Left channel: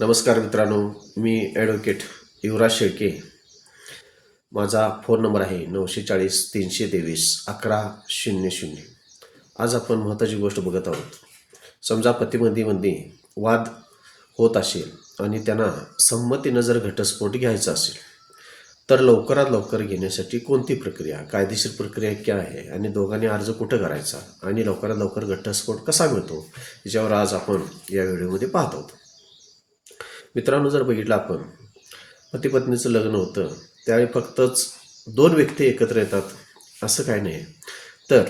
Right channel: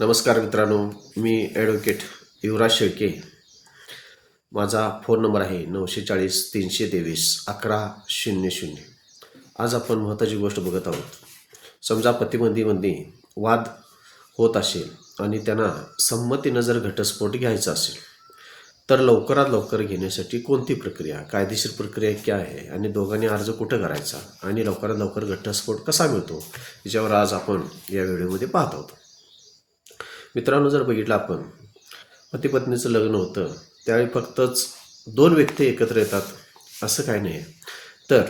नमस्कार मित्रांनो मी ॲडव्होकेट युवराज शेळके. माझा फोन नंबर आहे नऊशे चाळीस तीनशे तेवीस अकरा शून्य शून्य. आज आपण महत्त्वाची गोष्ट बघत आहोत. समजा पतीमंदीमध्ये वाद होत असेल आणि त्यांना संमतीनं जर घटस्फोट घ्यायचा असेल तर लवकरात लवकर घेण्यासाठी कोणती प्रक्रिया कायदेशीर प्रक्रिया काय आहे आणि दोघांनी अर्ज कुठं करायचा आणि लवकरात लवकर घटस्फोट कसा मिळतो याच्यावर आज आपण या व्हिडिओमध्ये पाहत आहोत. मित्रांनो जर बघितलं आपण पती पत्नीचं लग्न होतं त्यावेळी फक्तच दोन व्यक्ती एकत्र येतात असं काही नाही. तर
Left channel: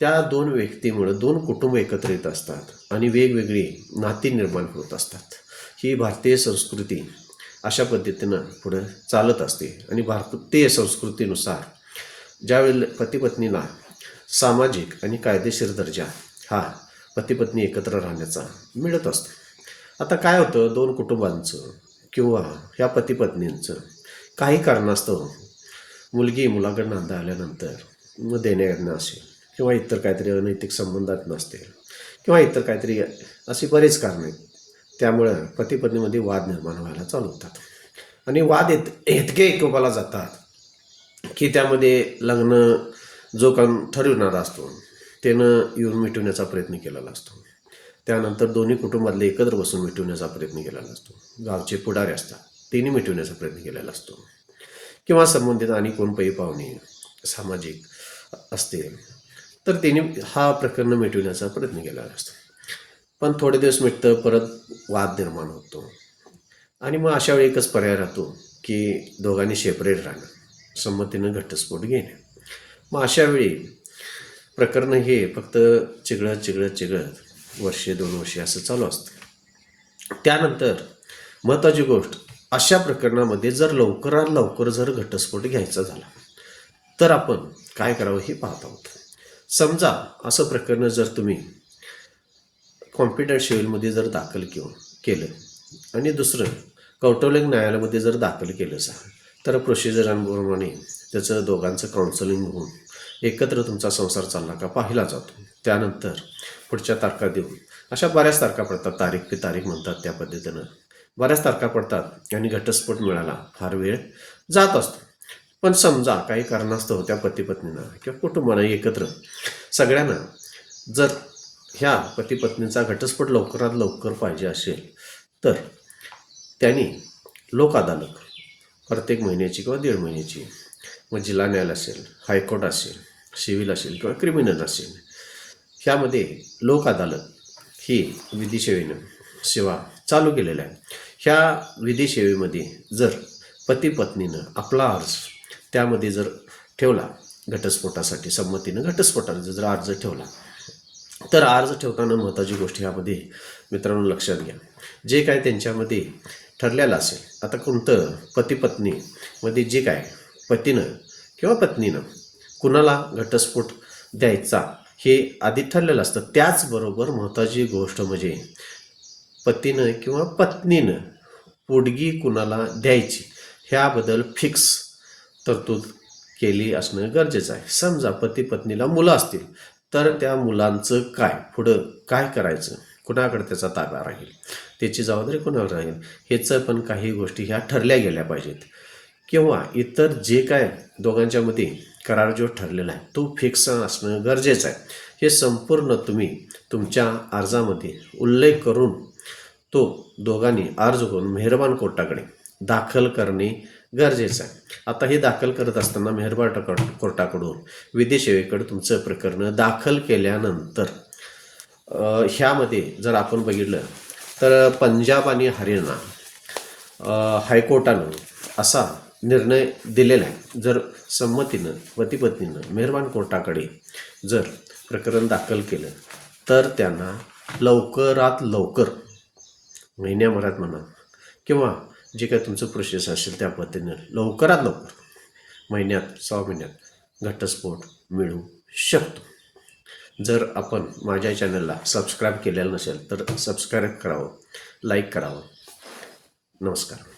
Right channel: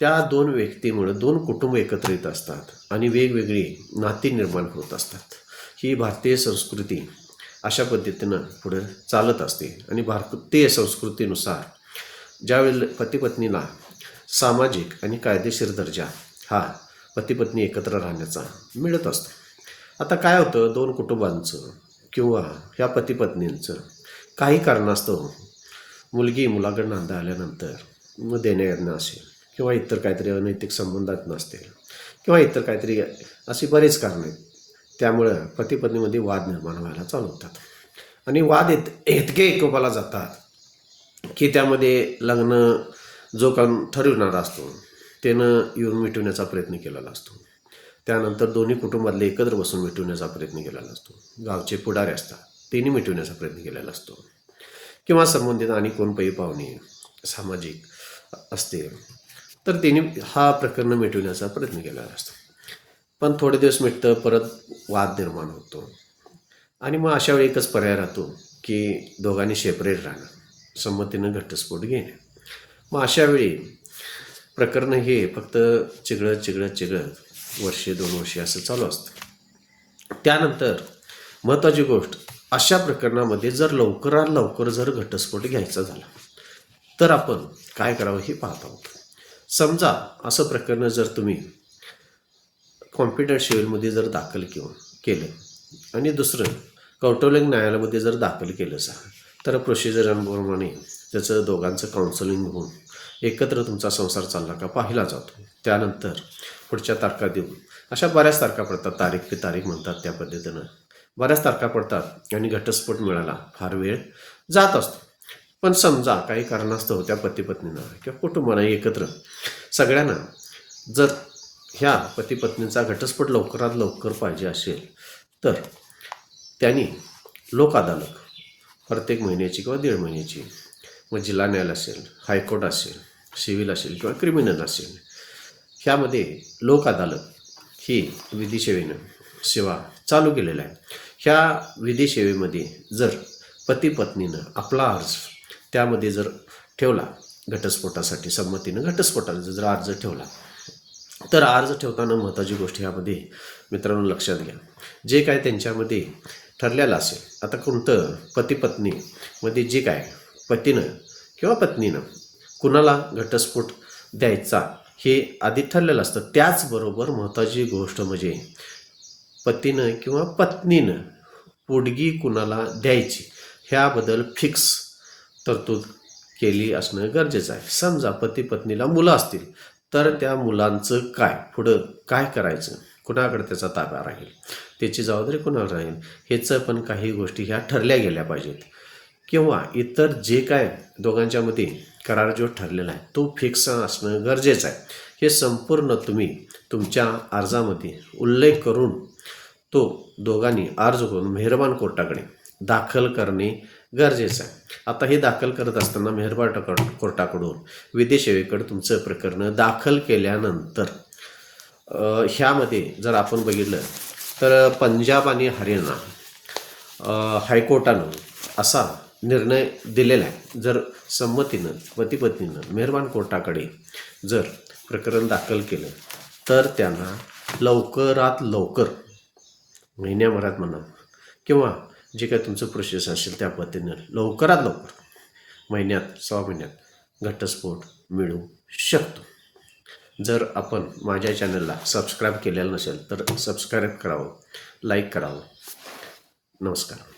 त्या दोन व्यक्तीमुळं दोन कुटुंब एकत्र येत असतात आणि वेगवेगळी नाती निर्माण होत असतात. ही भारतीय संस्कृती अशा पद्धतीनं पुढं चालत असते आणि भारतीय संस्कृतीनुसार ज्यावेळेला पतीपत्नीला सामाजिक आणि कायदेशीर दर्जा हा पतीपत्नी एकत्र राहण्याचा मिळत असतो. आता काय होतं? दोन कुटुंबांचं किंवा ह्या पतीपत्नींचं काही कारणास्तव मुलगी मुलाकडनं अंदा आल्यानंतर मग देण्याघेणं असेल किंवा इतर काहीतरी अनैतिक संबंधात नसतील किंवा इतर काहीतरी अशी बरेच कारणं आहेत. त्यामुळं पतीपत्नीमध्ये वाद निर्माण व्हायला चालू होतात. आणि वाद इत इतके एकोपाला जातात की त्यामध्ये लग्न जो काम ठरविणारा असतो त्यानं येऊन मिटवण्याचा प्रयत्न केलेला असतो. त्यानंतर दोन्ही कुटुंबातले एकत्र बसून मिटवण्याचा प्रयत्न केलेला असतो. गावचे पुढारे असतात त्यांनी मिटवण्याचा प्रयत्न केलेला असतो. किंवा संबंधित आणि कोण पाहुणे सामाजिक असते तर त्यांनी हा प्रकरण मिटवण्याचा प्रयत्न केलेला असतो. पण थोडे दिवस मिटतं परत वाद निर्माण होतो. आणि मग अशा वेळी एकच पर्याय राहतो की दोघांनी सेपरेट राहणं संमतीनं घटस्फोट घेणे. मग अशावेळी प्रकरण हे फक्त चिघळत चिघळत चिघळत वर्षे दोन वर्षे असं चालू असतं. त्यानंतर महत्त्वाची गोष्ट अशा प्रकरणामध्ये जर लवकरात लवकर जर घटस्फोट घ्यायचा झाला तर आपण काय करावं हे पाहत आहोत. समजा असं प्रकरण जर तुम्ही कॉम्प्युटर सिव्हिलमध्ये जर दाखल किंवा केलं आणि दुसरं कौटुंबिक न्यायालयामध्ये जर दाखल केलं असा तर प्रोसिजरांप्रमाणे त्याचं दोघांचं काउन्सिलिंग होऊन एकत्र तुमचा संसार चालला का पाहिला जातो. त्यानंतर पुढच्या तारखा देऊन. अशा बऱ्याच तारखा पडतात. तारीख पे तारीख म्हणतात त्या पद्धतीनं. बऱ्याच तारखा पडतात आणि घटस्फोट मिळाला. फार वेळ जात असतो. पण समजा काही कारणास्तव त्या पतीपत्नींना किंवा कुटुंबाला एकत्र सगळ्यांना जर ह्या पतीपत्नीचा घटस्फोट लवकरात लवकर पाहिजे असेल तर त्यांनी लोक अदालत प्रत्येक महिन्याची किंवा दीड महिन्याची मग जिल्हा न्यायालय असेल हायकोर्ट असेल सिव्हिल असेल किंवा क्रिमिनल असेल ह्यामध्ये लोक अदालत ही विधी सेवेनं सेवा चालू केलेल्या आहे ह्या विधी सेवेमध्ये जर पती पत्नीनं आपला अर्ज त्यामध्ये जर ठेवला घटस्फोटासाठी संमतीनं घटस्फोटाचा जर अर्ज ठेवला तर अर्ज ठेवताना महत्त्वाची गोष्ट ह्यामध्ये मित्रांनो लक्षात घ्या. जे काय त्यांच्यामध्ये ठरलेलं असेल आता कोणतं पती पत्नीमध्ये जे काय पतीनं किंवा पत्नीनं कुणाला घटस्फोट द्यायचा हे आधी ठरलेलं असतं. त्याचबरोबर महत्त्वाची गोष्ट म्हणजे पतीनं किंवा पत्नीनं पोडगी कुणाला द्यायची ह्याबद्दल फिक्स तरतूद केली असणं गरजेचं आहे. समजा पती पत्नीला मुलं असतील तर त्या मुलांचं काय पुढं काय करायचं? कुणाकडे त्याचा ताबा राहील? त्याची जबाबदारी कुणावर राहील? ह्याचं पण काही गोष्टी ह्या ठरल्या गेल्या पाहिजेत. किंवा इतर जे काय दोघांच्यामध्ये करार जो ठरलेला आहे तो फिक्स असणं गरजेचं आहे. हे संपूर्ण तुम्ही तुमच्या अर्जामध्ये उल्लेख करून तो दोघांनी अर्ज करून मेहरबान कोर्टाकडे दाखल करणे गरजेचं आहे. आता हे दाखल करत असताना मेहरबान कोर्टाकडून विधी सेवेकडे तुमचं प्रकरण दाखल केल्यानंतर ह्यामध्ये जर आपण बघितलं तर पंजाब आणि हरियाणा हायकोर्टानं असा निर्णय दिलेला आहे. जर संमतीनं पतीपत्नीनं मेहरबान कोर्टाकडे जर प्रकरण दाखल केलं तर त्यांना लवकरात लवकर महिन्याभरात म्हणा किंवा जे काय तुमचं प्रोसेस असेल त्या पद्धतीनं लवकरात लवकर महिन्यात सहा महिन्यात घटस्फोट मिळू शकतो. जर आपण माझ्या चॅनलला सबस्क्राईब केलेलं नसेल तर सबस्क्राईब करावं लाईक करावं. नमस्कार.